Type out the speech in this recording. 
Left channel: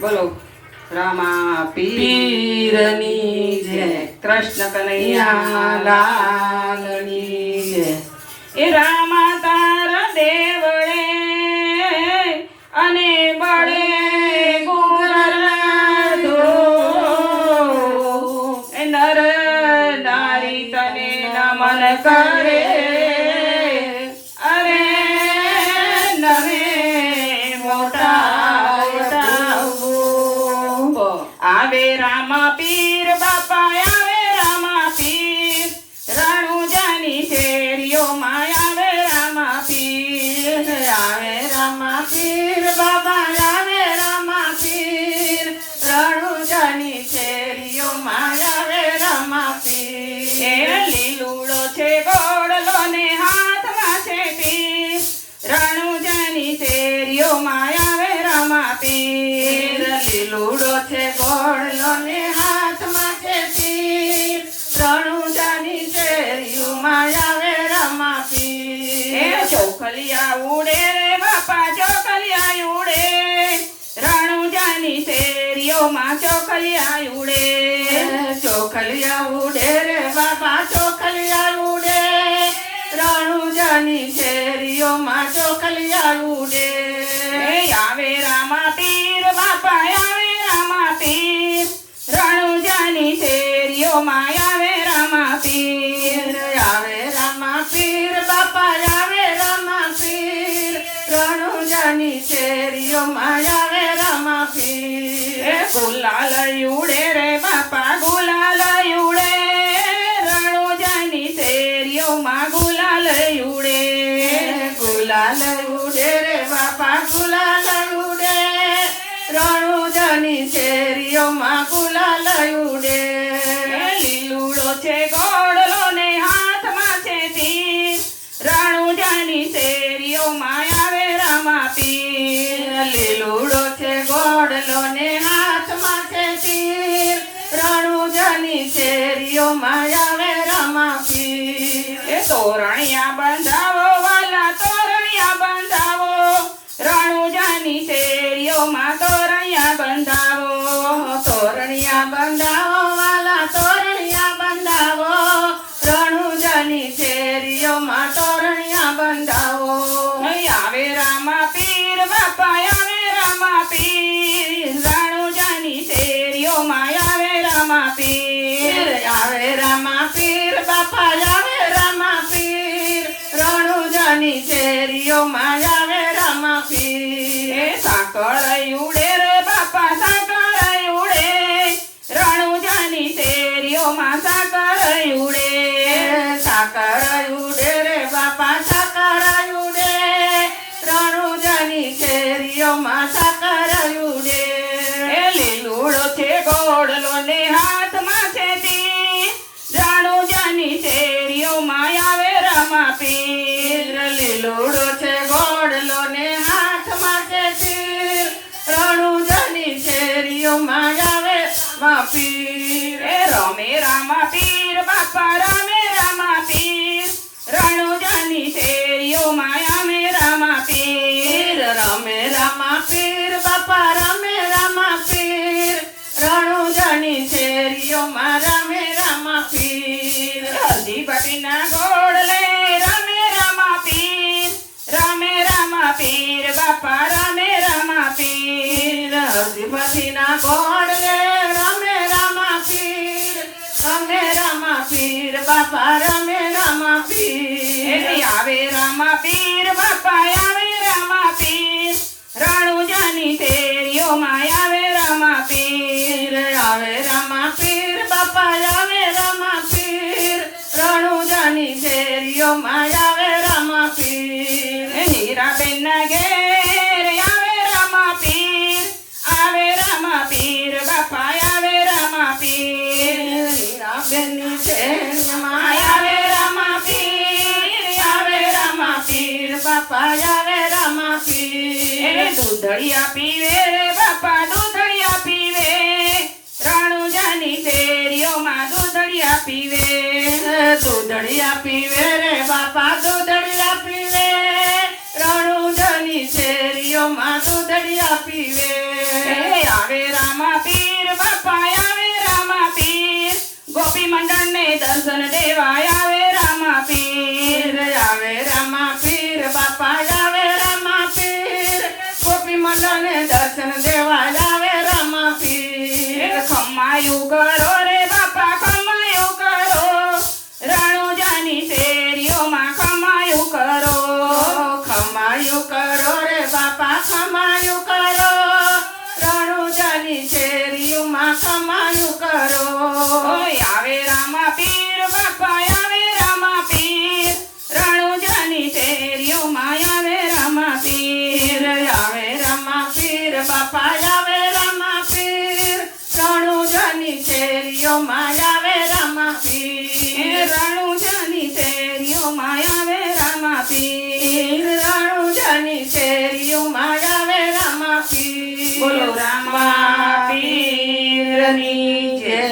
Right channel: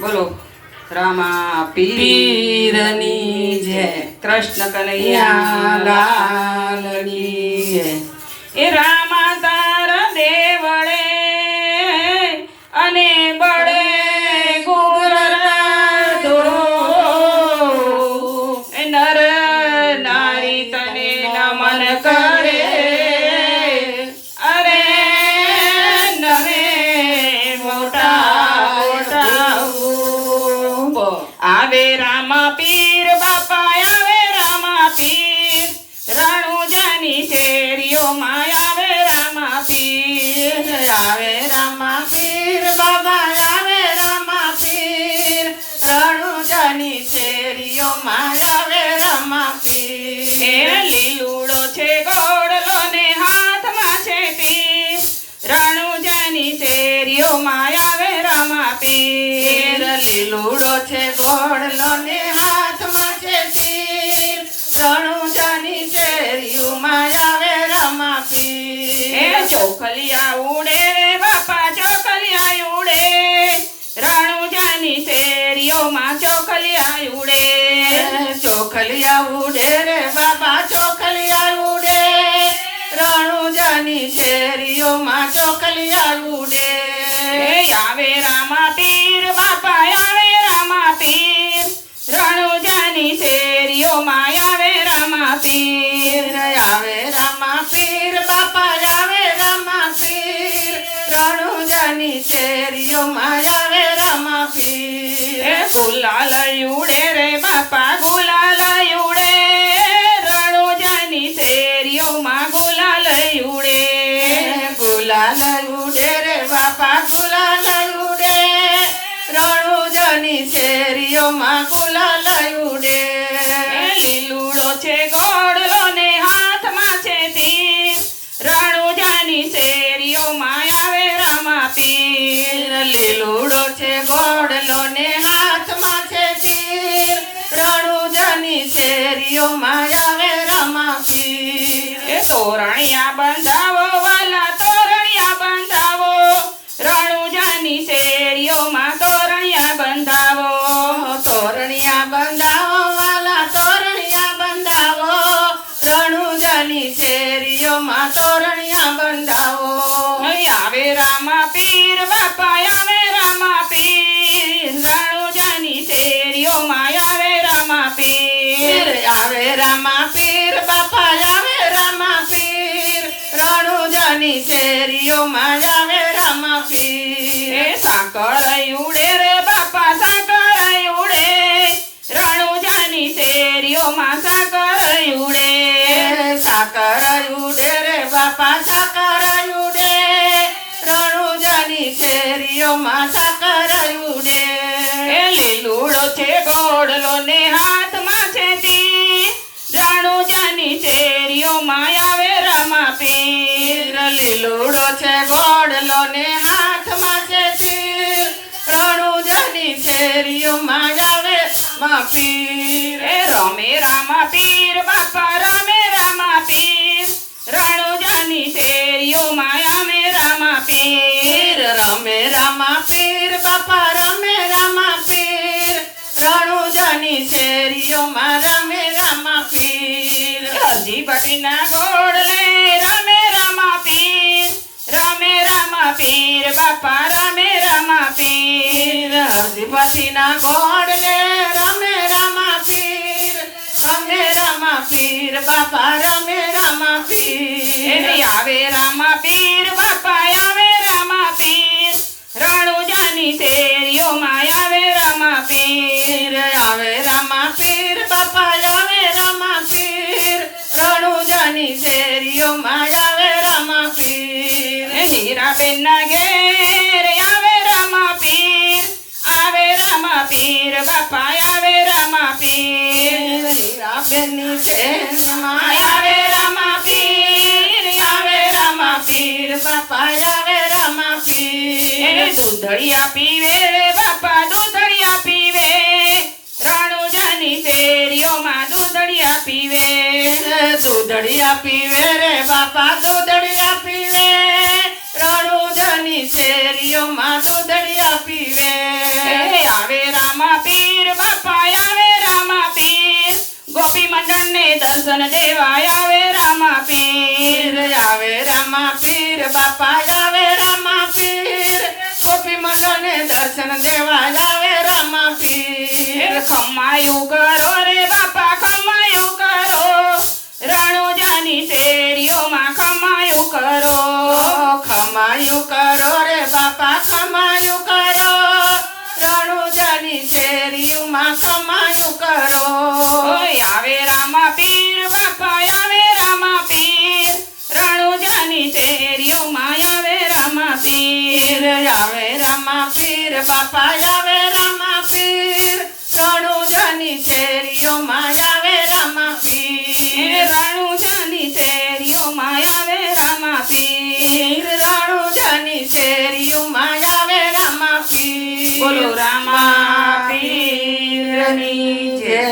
બોલો રામા પીરની જય, કૃષ્ણ કનૈયા લાલની જય. એ રામા તારા દેવળે અને બળે ગુગરધો એ નર નારી તને નમન કરે અરે નવે મોટા મોટા આવે રામા પીર બાપા આવે રામા પીર રણુજાની શેરીઓમાં આવે રામા પીર આવે રામા પીર બાબા, આવે રામા પીર રણુજાની શેરીઓમાં આવે રામા એ પીર. લીલુડો છે ગોળલો ને હાથમાં છે તીર રણુજાની શેરીઓમાં આવે રામા પીર લીલુડો છે ગોળલો ને હાથમાં છે તીર, રણુજાની શેરીઓમાં આવે રામા એ પીર. ચોખલિયા ઉડે રે બાપા ચોખલિયા ઉડે રણુજાની શેરીઓમાં ચોખલિયા ઉડે ચોખલિયા ઉડે રે બાબા, ચોખલિયા ઉડે રણુજાની શેરીઓમાં ચોખલિયા ઉડે. આવે રામા પીર બાપા આવે રામા પીર રણુજાની શેરીઓમાં આવે રામા પીર આવે રામા પીર બાપા, આવે રામા પીર રણુજાની શેરીઓમાં આવે રામા એ પીર. ગુલાલ ઉડે રે બાપા ગુલાલ ઉડે રણુજાની શેરીઓમાં ગુલાલ ઉડે ગુલાલ ઉડે રે બાપા, ગુલાલ ઉડે રણુજાની શેરીઓમાં ગુલાલ ઉડે. લીલુડો છે ગોળલો ને હાથમાં છે તીર રણુજાની શેરીઓમાં આવે રામા પીર લીલુડો છે ગોળલો ને હાથમાં છે તીર, રણુજાની શેરીઓમાં આવે રામા પીર. એ તોરણિયા બંધાવો વાલા તોરણિયા બંધાવો રણુજાની શેરીઓમાં તોરણિયા બંધાવો તોરણિયા બંધાવો વાલા, તોરણિયા બંધાવો રણુજાની શેરીઓમાં તોરણિયા બંધાવો. આવે રામા પીર બાપા આવે રામા પીર રણુજાની શેરીઓમાં આવે રામા પીર આવે રામા પીર બાપા, આવે રામા પીર રણુજાની શેરીઓમાં આવે રામા એ પીર. સાકર ઉડે રે બાપા સાકર ઉડે રણુજાની શેરીઓમાં સાકર ઉડે સાકર ઉડે રે બાપા, સાકર ઉડે રણુજાની શેરીઓમાં સાકર ઉડે. એ લીલુડો છે ગોળલો ને હાથમાં છે તીર રણુજાની શેરીઓમાં આવે રામા પીર લીલુડો છે ગોળલો ને હાથમાં છે તીર, રણુજાની શેરીઓમાં આવે રામા પીર. એ રમે રામા પીર બાપા રમે રામા પીર રણુજાની શેરીઓમાં આવે રામા પીર રમે રામા પીર બાપા, રમે રામા પીર રણુજાની શેરીઓમાં રમે રામા પીર. હજી બટીના ગોળલે રમે રામા પીર બાપા રમે રામા પીર હરજીપતિના ગોળને રમે રામા પીર, રમે રામા પીર બાપા, રમે રામા પીર. આવે રામા પીર બાપા આવે રામા પીર રણુજાની શેરીઓમાં આવે રામા પીર આવે રામા પીર બાપા, આવે રામા પીર રણુજાની શેરીઓમાં આવે રામા પીર. હીરાબેનના ઘેર આવે રામા પીર બાપા આવે રામા પીર હીરાબેનની શેરીમાં આવે રામા પીર, આવે રામા પીર બાપા, આવે રામા પીર. દૂધળિયા પીવે રે બાપા દૂધળિયા પીવે રણુજાની શેરીઓમાં દૂધળિયા પીવે દૂધળિયા પીવે રે બાપા, દૂધળિયા પીવે રણુજાની શેરીઓમાં દૂધળિયા પીવે. આવે રામા પીર બાપા આવે રામા પીર ગોપી મંડળને દર્શન દેવા આવે રામા પીર આવે રામા પીર બાપા આવે રામા પીર ગોપી મંડળને દર્શન દેવા આવે રામા પીર ખમાયું કરો રે બાપા ખમાયું કરો રણુજાની શેરીઓમાં ખમાયું કરો ખમાયું કરો રે બાપા ખમાયું કરો રણુજાની શેરીઓમાં ખમાયું કરો ઓય આવે રામા પીર બાપા આવે રામા પીર રણુજાની શેરીઓમાં આવે રામા પીર આવે રામા પીર બાપા આવે રામા પીર રણુજાની શેરીઓમાં આવે રામા પીર રણુજાની શેરીઓમાં આવે રામા પીર રણુજાની શેરીઓમાં આવે રામા પીર બોલો રામા પીરની જય